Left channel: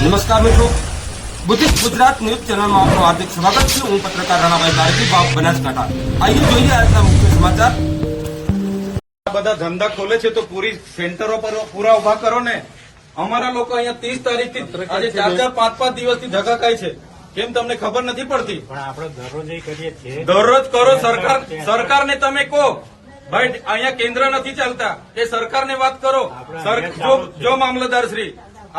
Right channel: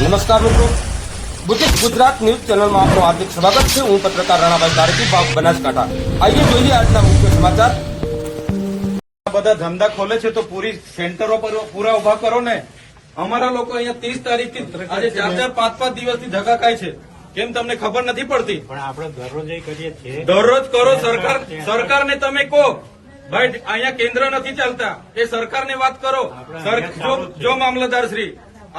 નમસ્કાર મિત્રો, ગુજરાત ન્યૂઝ ચેનલમાં આપનું હાર્દિક સ્વાગત છે. હું પત્રકાર રણાભાઈ ધારકી, બનાસકાંઠા. આઈએ જોઈએ આજના મુખ્ય સમાચાર. બધા ધંધા ખોલે છે તો પૂરી સેન્ટરો પર પૂરા ઉભા કરો ને. અમારા લોકો અહીંયા 30 તારીખથી આજે 4-5 દિવસથી ધક્કા ખાય છે. કેમ તમને ખબર નથી પડતી? પણ આપણે દરરોજ એ કરીએ છીએ. દરરોજ કરો. સરકારને તમે કહો ભાઈ અહીંયા કેન્દ્ર નથી ચાલતા, એ સરકારને વાત કરો. જો મામલતદાર શ્રી,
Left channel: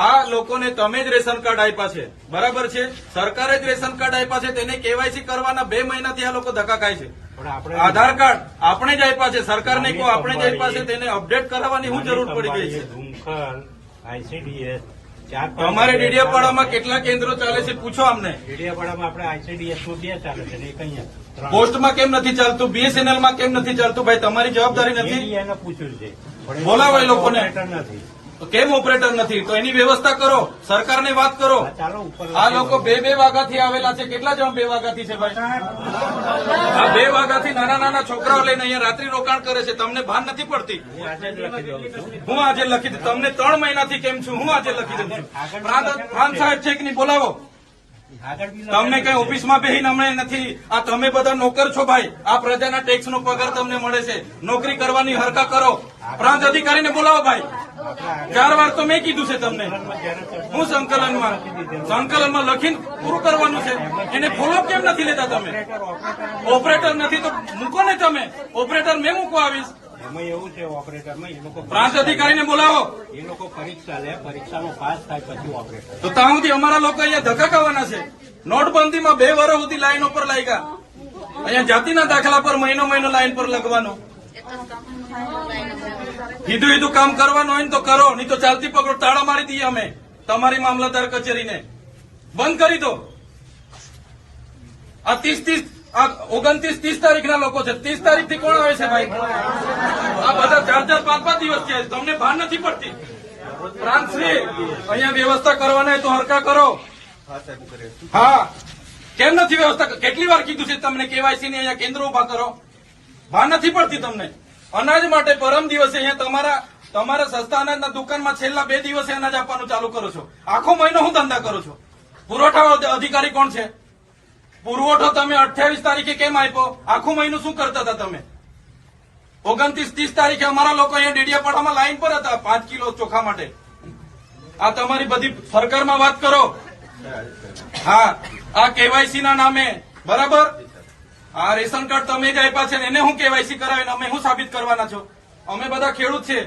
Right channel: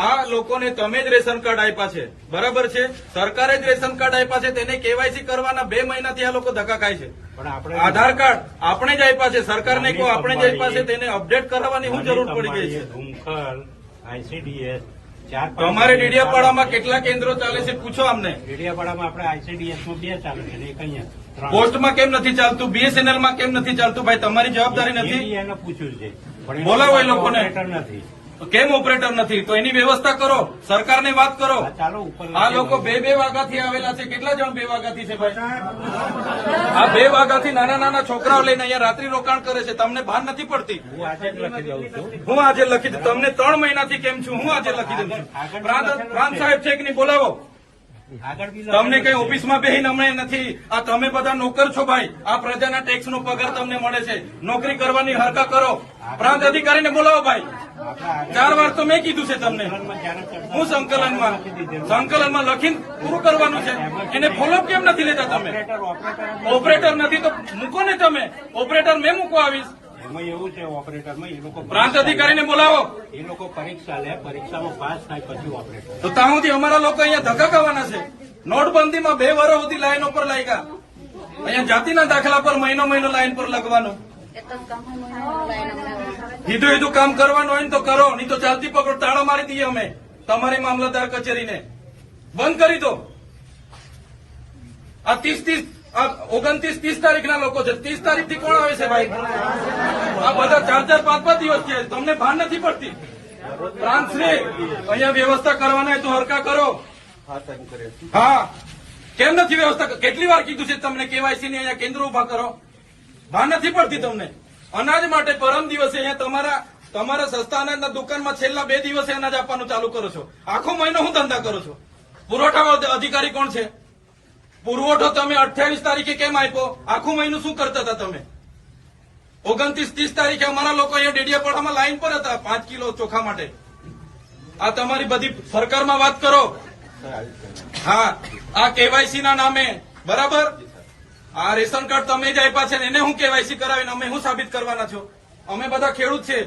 આ લોકોને તમે જ રેશન કાર્ડ આપ્યા છે, બરાબર છે? સરકારે જ રેશન કાર્ડ આપ્યા છે, તેને કેવાયસી કરવાના 2 મહિનાથી આ લોકો ધક્કા ખાય છે. પણ આપણે આધાર કાર્ડ આપણે જ આપ્યા છે, સરકારને કહો આપણે જ આપ્યા છે, તેને અપડેટ કરાવવાની શું જરૂર પડી ગઈ છે? ધુમખલ, ICDS, તમારે ડેડિયાપાડામાં કેટલા કેન્દ્રો ચાલે છે પૂછો અમને. ડેડિયાપાડામાં આપણે ICDS નું 2 ચાલે છે ને એક અહીંયા 3. પોસ્ટમાં કેમ નથી ચાલતું? BSNL માં કેમ નથી ચાલતું? ભાઈ તમારી જવાબદારી નથી? એને પૂછ્યું છે પણ બોલાવો એ લોકોને. ઓપરેટર નથી. કેમ ઓપરેટર નથી? તો એની વ્યવસ્થા કરો, સરકારની વાત કરો. ચાલો ઉપર આ લોકો 2 વાગ્યાથી આવેલા છે. કેટલા જણ 2 વાગ્યાથી છે ભાઈ? આ 2 વાગ્યાથી નાના છોકરાઓ લઈને અહીંયા રાત્રિ રોકાણ કરે છે. તમને ભાન નથી પડતી? હું આજે લખી દઉં. તમને 3 મહિનાથી કેમ છું? હું આજે લખી દઉં છું. પ્રાંત સાહેબ છે કે નહીં? બોલાવો. તમને કઈ ઓફિસમાં બેહીને અમે નથી. આ તમે બધા નોકર છો ભાઈ. આ પ્રજાના ટેક્સનો પગાર તમને મળે છે. નોકરી કરવાની હરકા કરો. પ્રાંત અધિકારીને બોલાવો ભાઈ. 4 વાર તો મેં કીધું છે તમને. હું સંકલનમાં લખીને પૂરું કરવાનું છે. એને ફોલોઅપ કેમ નથી લેતા તમે? ઓપરેટર નથી તો મૂકો ને તમે. ઓપરેટર મેં મૂકો આવીશ. એમાં એવું છે ઓપરેટરમાં એ લોકો પ્રાંત અધિકારીને બોલાવો. એ લોકો પરીક્ષા લે, પરીક્ષામાં પાસ થાય પછી ઓપરેટર. તો ત્યાં સુધી અમારા લોકો અહીંયા ધક્કા ખાવાના છે. નોટબંધીમાં 2 વર્ષ સુધી લાઈનો પર લાગ્યા. અહીંયા જાતિના દાખલા પર મહિનો લાઈન પર લગવાનો. કીધું કામ કરવાનું હોય ને તો કરો, નહીં તો ચાલતી પકડો. તાળા મારી દઈએ અમે તમારી મામલતદાર કચેરીને. બંધ કરી દો. આ 29-30 તારીખના લોકો છે. 30 તારીખથી કોણ આવે છે ભાઈ? આ બધા 4-5 દિવસ થયા. તમને ભાન નથી પડતી? પ્રાંતશ્રી, અહીંયા વ્યવસ્થા કરવાના તો હરકા કરો. હા, કેમ નથી વ્યવસ્થા? કેટલી વાર કીધું છે તમને કેવાયસી ની અહીંયા કેન્દ્ર ઉભા કરો? ભાન નથી પડતી તમને? અનાજ માટે પરમ દિવસે અહીંયા તમારા સસ્તા અનાજના દુકાનમાં છેલ્લા 2 દિવસે અનાજ આપવાનું ચાલુ કરો છો. આખો મહિનો હું ધંધા કરો છો? પુરવઠા અધિકારી કોણ છે? પુરવઠો તમે 28 તારીખે કેમ આપ્યો? આખું મહિનું શું કરતા હતા તમે? 29-30 તારીખે અમારા લોકો અહીંયા ડેડિયાપાડામાં લાઈન પર હતા 5 કિલો ચોખા માટે. આ તમારી બધી સરકારમાં વાત કરો. હા, આ કેવાયસી ના નામે, બરાબર? આ રેશન કાર્ડ તમે જ આપ્યા છે, એને હું કેવાયસી કરાવીને અમે શું સાબિત કરવાના છો? અમે બધા ખેડૂત છે.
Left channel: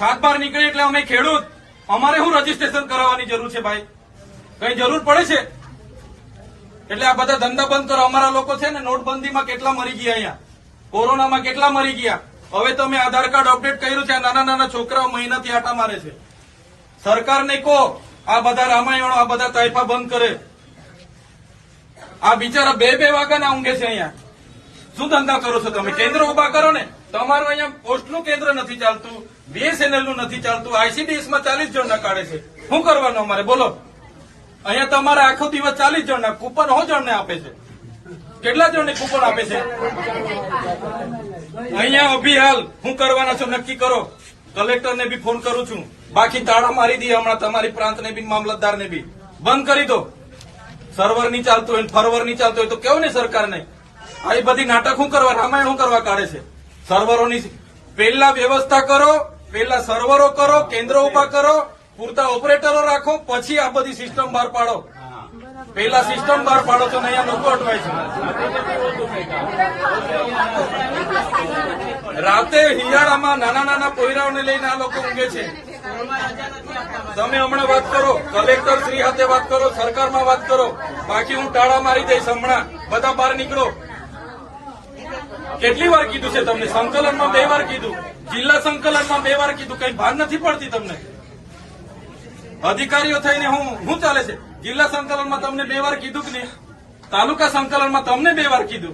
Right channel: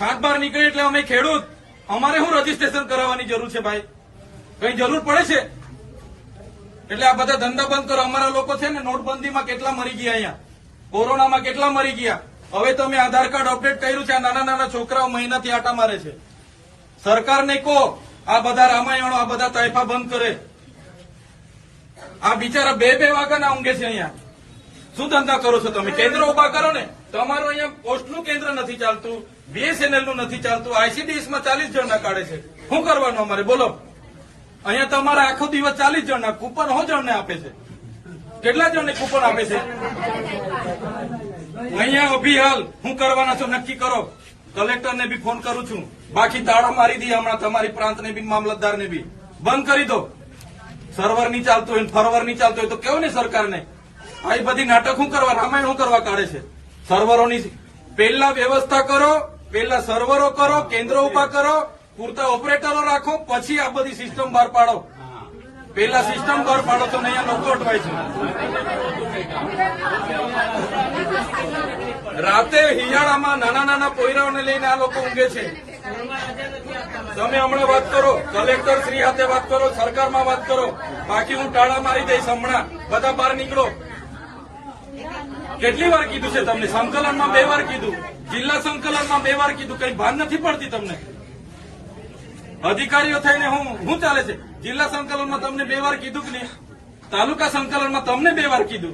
7-12 નીકળી એટલે અમે ખેડૂત. અમારે શું રજીસ્ટ્રેશન કરાવવાની જરૂર છે ભાઈ? કઈ જરૂર પડે છે? એટલે આ બધા ધંધા બંધ કરો. અમારા લોકો છે ને નોટબંધીમાં કેટલા મરી ગયા, અહીંયા કોરોનામાં કેટલા મરી ગયા. હવે તમે આધાર કાર્ડ અપડેટ કર્યું છે. આ નાના છોકરાઓ મહિનાથી આટા મારે છે. સરકારને કહો આ બધા રામાયણો, આ બધા તાઇફા બંધ કરે. આ બિચારા 2 વાગ્યાના ઊંઘે છે અહીંયા. શું ધંધા કરો છો તમે? કેન્દ્ર ઉભા કરો ને. તમારું અહીંયા પોસ્ટનું કેન્દ્ર નથી ચાલતું, BSNL નું નથી ચાલતું, ICDS માં 40 જણ કાઢે છે. શું કરવાનું અમારે બોલો? અહીંયા તમારે આખો દિવસ 40 જણના કૂપન જણને આપે છે. કેટલા જણને કૂપન આપે છે? અહીંયા અભિહાલ શું કરવાના છો નક્કી કરો. કલેક્ટરને બી ફોન કરું છું. બાકી તાળા મારી દઈએ હમણાં તમારી પ્રાંતને બી, મામલતદારને બી. બંધ કરી દો. સર્વર નહીં ચાલતું હોય, ફરવર નહીં ચાલતું હોય તો કેવું નહીં સરકારને? આ બધી નાટક શું કરવા, રામાયણ શું કરવા કાઢે છે? સર્વરોની પહેલા વ્યવસ્થા કરો, પહેલા સર્વરો કરો, કેન્દ્ર ઉભા કરો, પૂરતા ઓપરેટરો રાખો, પછી આ બધી સિસ્ટમ બહાર પાડો. પહેલા સિસ્ટમ બહાર પાડો તો અહીંયા લોકો અટવાય છે. રાતે હિયાળામાં નાના પોયરાઓને લઈને આ લોકો ઊંઘે છે. તમે હમણાં વાત કરો, કલેક્ટર શ્રી સાથે વાત કરો, સરકારમાં વાત કરો. બાકી હું ટાળા મારી દઈશ હમણાં. બધા બહાર નીકળો. કેટલી વાર કીધું છે તમને? સંકલનમાં 2 વાર કીધું, જિલ્લા સંકલનમાં 2 વાર કીધું. કઈ ભાન નથી પડતી તમને? અધિકારીઓ થઈને શું ચાલે છે? જિલ્લા સંકલનમાં તમને 2 વાર કીધું કે નહીં? તાલુકા સંકલનમાં તમને 2 વાર કીધું.